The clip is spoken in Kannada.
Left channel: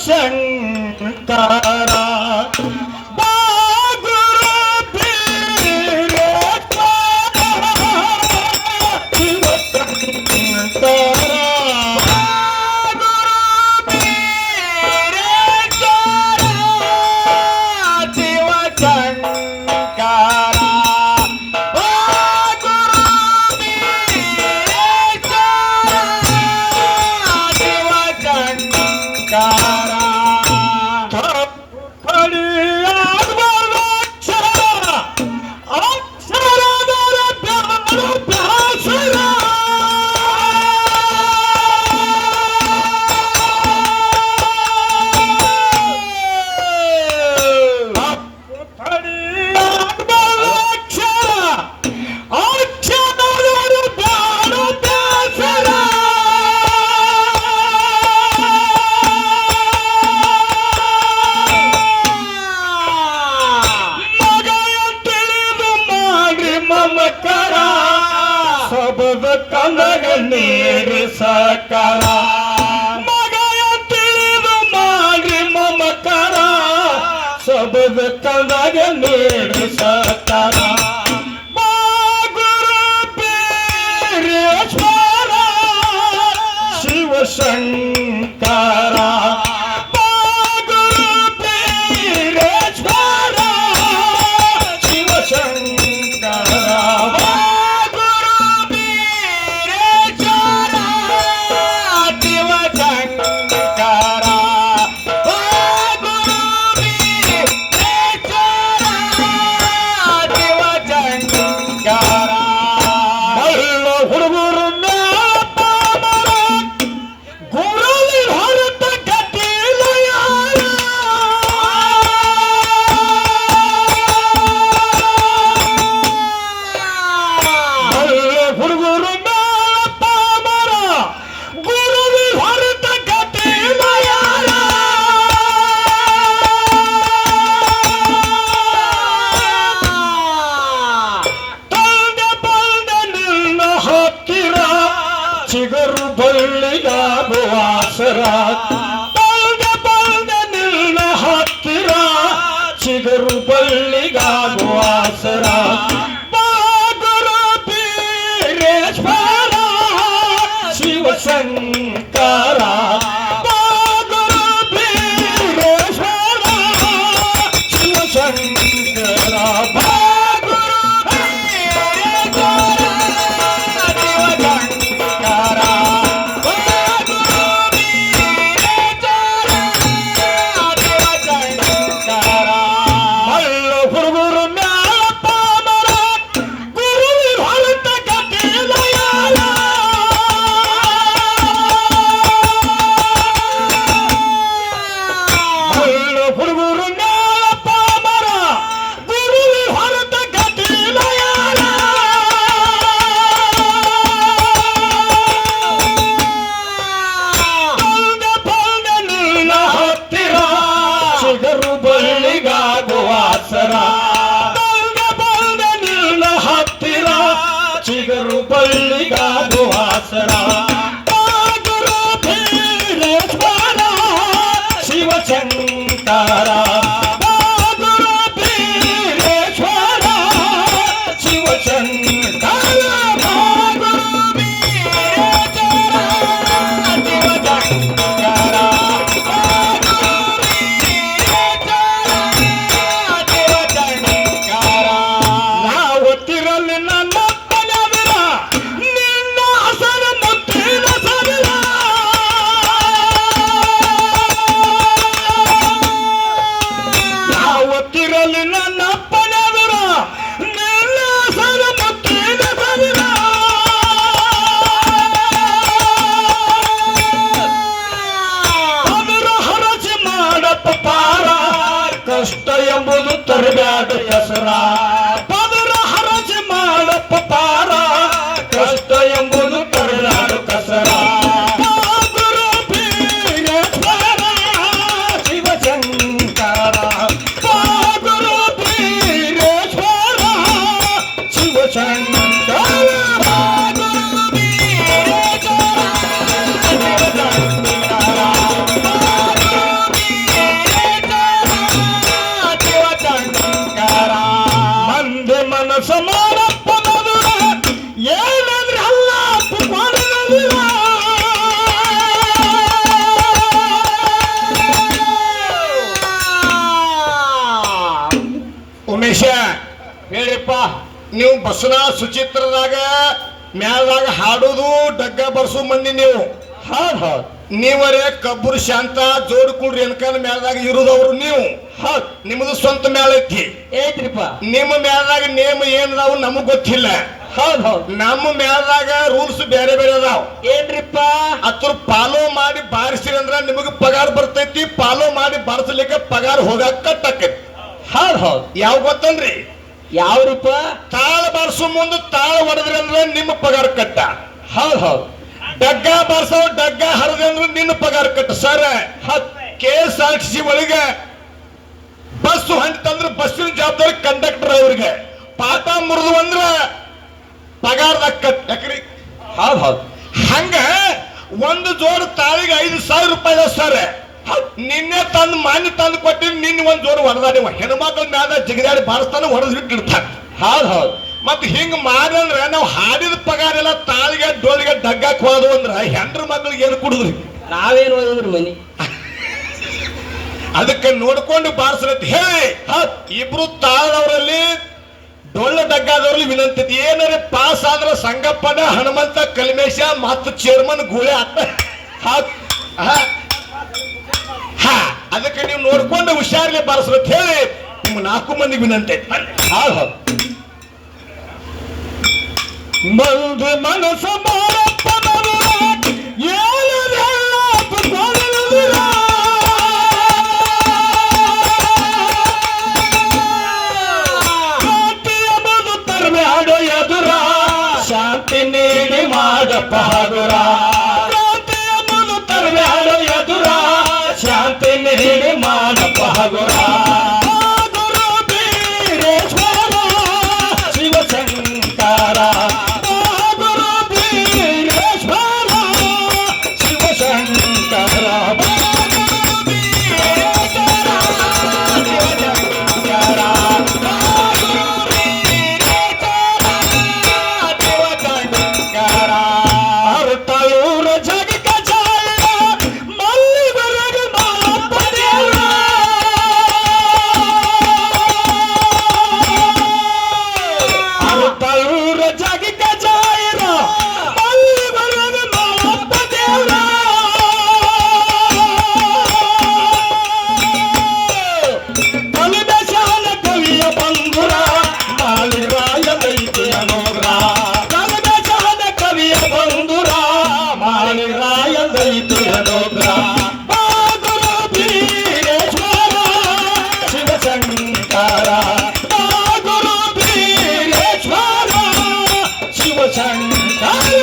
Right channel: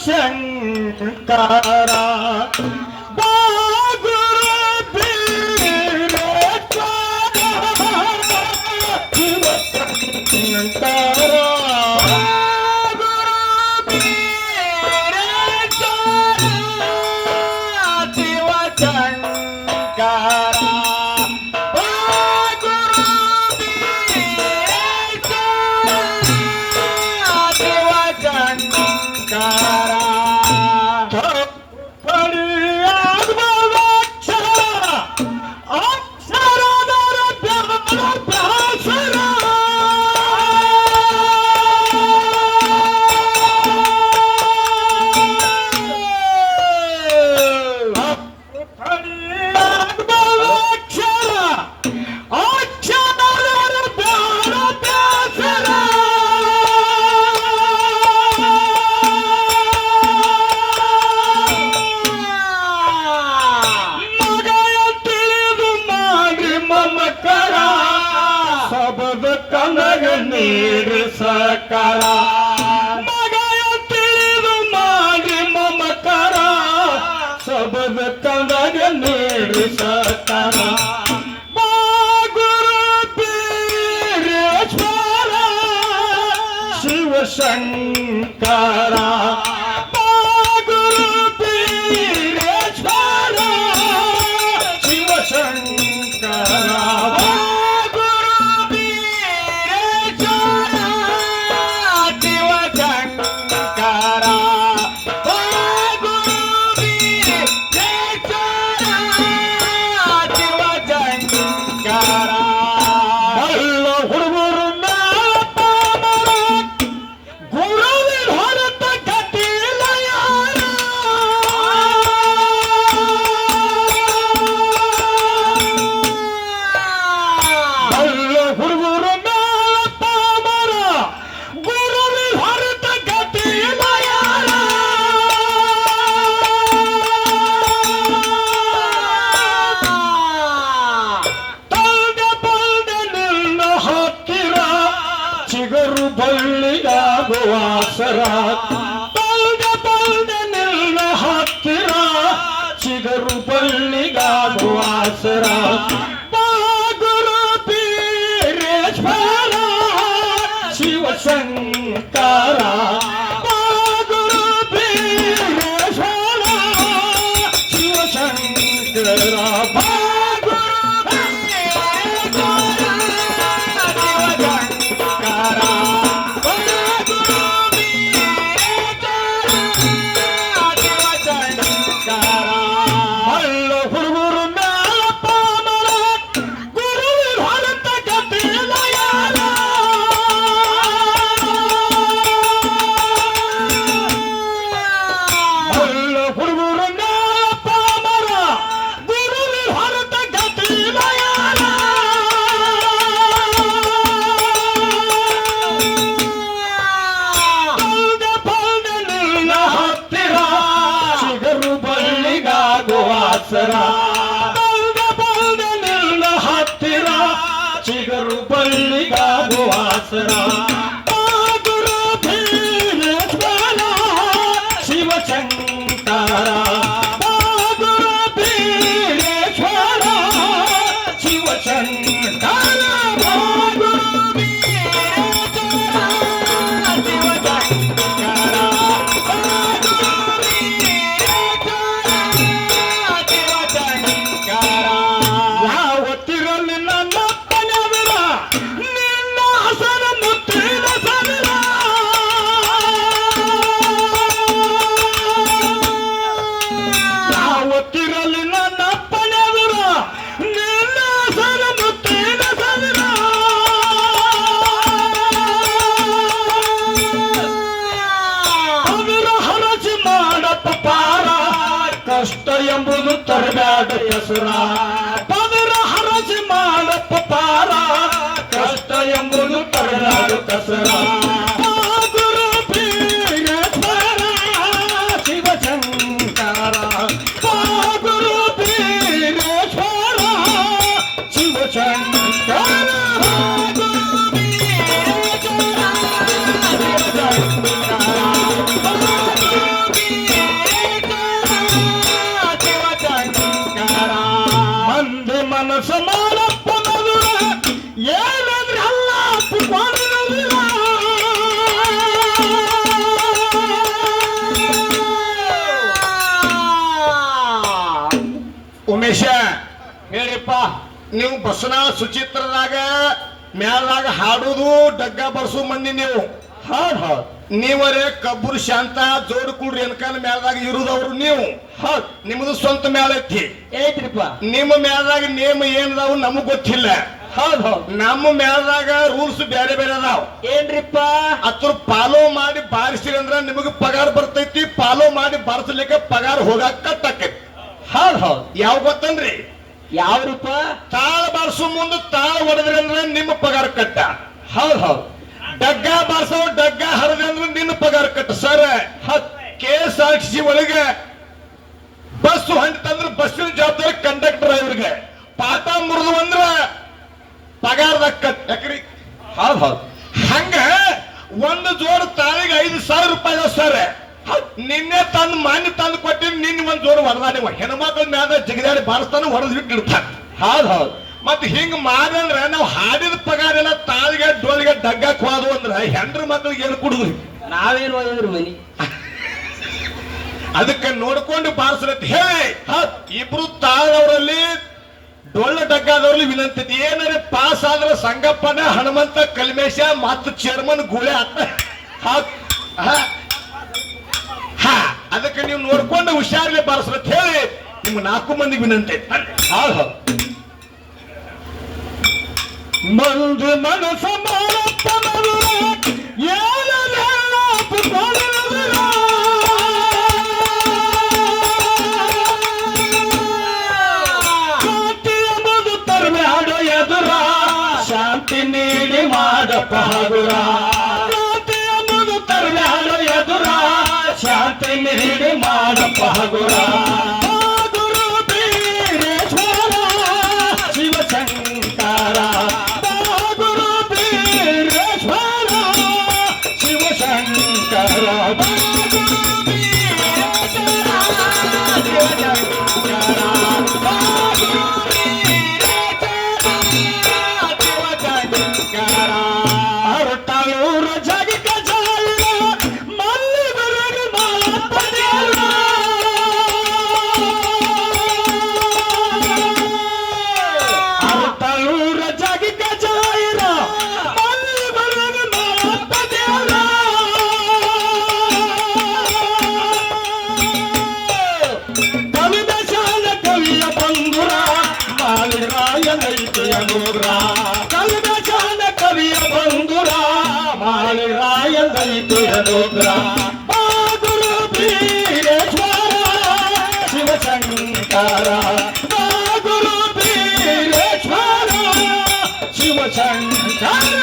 ಶಿವಶಂಕರ ಸಬದ ಕನಗ ನೀರು ಸಕಲ ಮಗಯ ತಿಳಿದು ಮಾಡಿ ಮಮಕರ ಸಬದ ಕನಗ ನೀರು ಸಕಲ ಗುರು ಬೀರೇಶ್ವರ ಶಿವಶಂಕರ ಗುರು ಬೀರೇಶ್ವರ ಶಿವಶಂಕರ ಚಿಗರು ಬಳ್ಳಿಯಾಗುವ ಆಸರ ಬಲ್ದ ನಿನ್ನ ಹತ್ತಿರ ಚಿಗರು ಬಳ್ಳಿಗಾಗುವ ಆಸರ ಗುರು ಬೀರೇಶ್ವರ ಶಿವಶಂಕರ ಗುರು ಬೀರೇಶ್ವರ ಶಿವಶಂಕರ ಬಲ್ದ ನಿನ್ನ ಹತ್ತಿರ ಚಿಗರು ಬಳ್ಳಿಗಾಗುವ ಆಸರ ಗುರು ಬೀರೇಶ್ವರ ಶಿವಶಂಕರ ಗುರು ಬೀರೇಶ್ವರ ಶಿವಶಂಕರ ಹೊತ್ತಿರಲ್ಲಿ ನನ್ನ ಮನವಿರ ನಿನ್ನ ಹಸರ ಮುತ್ತೆ ಸುಚಿತ್ರದಾಗ ಮ್ಯಾಲದಾಗ ಹಾಡೋದು ಡಗ್ಗ ಬರ್ಸು ಮಂದಿ ನೀವು. ಹೌದ್ ಹೌದ್ ನೀವರೇ ಕಬ್ಬುರು ಶಾಂತ ಜೋಡ್ಕುಂಡ್ರಿ ರೇಣುಕಾನ ಮ್ಯಾಲದಾಗ ಇರುದವ್ರು ನೀವು. ಹೌದ್ ನಿಮ್ದು ಸ್ವಂತ ಮ್ಯಾಲ ಐತಿ. ಐತ್ರಿಪ್ಪ. ನಿಮ್ಮ ಮ್ಯಾಲದಾಗ ನೇಮ ಏನದಾವು ನಮಗ್ ಗೊತ್ತಿಲ್ಲ. ಹೌದ್ ಹೌದ್ ನಮ್ಮ ಮ್ಯಾಲದಾಗ ರೂಲ್ಸ್ ಬೇರೆ ಬೇರೆ ಅದಾವ. ಏನ್ರಿಪ್ಪ? ಅದ್ರ ಫಾಲೋ ಮಾಡಿ ಬಾರಿಸಿರಿ ಅಂದ್ರ ನಿಮಗ್ ಪಗಾರ ಬರ್ತೈತಿ. ಫಾಲೋ ಮಾಡಿ ಬಾರಿಸಲಿಕ್ಕೆ ಪಗಾರ ಹೋಗಾಕ ಕಟ್ಟಕ್ಕೆ. ಹೌದ್ ಹೌದ್ ಯಾವ ಗೊತ್ತನ್ರಿ? ಯಾವ್ರಿಪ್ಪ? ತಾಳ ಬಾರಿಸೋ ಮುಂದೆ ತಾಳ ಹೊಡೆದ್ರಿ ಅಂದ್ರೆ ನಿಮ್ಮ ಪಗಾರ ಕಟ್ಟ. ಹೌದ್ ಹೌದ್ ಡಗ್ಗ ಬಾರಿಸೋ ಡಗ್ಗ ಹರದ್ರಿ ಅಂದ್ರೆ ನಿನ್ನ ಪಗಾರ ಕಟ್ಟ. ಸರ್ KSRTC ಒಳಗೆ ಬಸ್ ಹೊಂಟಂದ್ರೆ ಬಸ್ಸಿನ ಜವಾಬ್ದಾರಿ ಕಂಡಕ್ಟರ್ ಅವ್ರಿಗೆ. ಪಾಠ ಮುರಿದು ಅಂದ್ರ ಪಗಾರದಾಗ ಕಟ್. ಯಾಕ್ರಿ? ಹೌದ್ ಹೌದ್ ಹಂಗ ಒಂದು ಜೋಡು ತಾಳಿಗೆ 5,000 ರೂಪಾಯಿ ಸರ್. ನಿನ್ನೆ ತಂದು ಮಾನ್ಯ ತಂದು ಕೊಟ್ಟಿನಿ. ನಿನ್ನ ಒಂದ್ ಜೋಡು ಹೊಡೆದ ನೀವು ಹೆಣ್ಮಕ್ಳ ಮ್ಯಾಲ ಜಿಗಿದಾಡಿ ಬಾರಿಸ್ತಾನೆ ಹೊಡೆದ್ ಇಟ್ಟಿರ್ತಾನೆ. ಹೌದ್ ಹೌದ್ ಮತ್ ಹಿಂಗ್ ಮಾಡಿದ್ರ ನಾವು ಹಾಡಿದ ಪಗಾರ ಎಲ್ಲ ತಾಳಿಗೆ ಡೋಳಿಗೆ ಡಗ್ಗಕ್ ಹೋದು ಅಂದ್ರ ಹೆಂಡ್ರ ಮಕ್ಳಿಗೆ ಏನು ಕುಡುದ್ರಿ? ನಾವೇನ್ ಓದಿದ್ರಿ ಮನಿ? ಅದಕ್ಕೆ ನೋಡ್ಕೊಂಡು ಬಾರಿಸ್ರತ್ ಹೇಳಿ ಇಬ್ರು ತಾಳದವರಲ್ಲಿ ಡೊಳ್ಳ ಡಗ್ಗಾದವ್ರಲ್ಲಿ ವಿನಂತಿ ಏನಾರ ಪಾಸ್ ಆದ್ರ ಸಂಗಪ್ಪನ ಹನುಮಂತ ಕಲ್ಮೇಶ ಮತ್ತು ಚೇರ್ಮನ್ ಗೂಳೆ ಅದಕ್ಕೆ ನೀವು ನೋಡ್ಕೊಂಡು ಹುಷಾರ್ಲೆ ಬಾರಿಸ್ರತ್ ಹೇಳಿ ನಿಮ್ಮ 4 ಮಂದಿಗೆ ವಿನಂತಿ. ಮಂದು ಮನಸ ಎದುರ ಶಾಂತಿ ನೀಡಿ ಮಾಡಪ್ಪ ಹಗುರ. ಎದುರ ಶಾಂತಿ ನೀಡಿ ಮಾಡಪ್ಪ ಹಗುರ. ಶಿವಶಂಕರ ಶಿವಶಂಕರ ಶಿವಶಂಕರ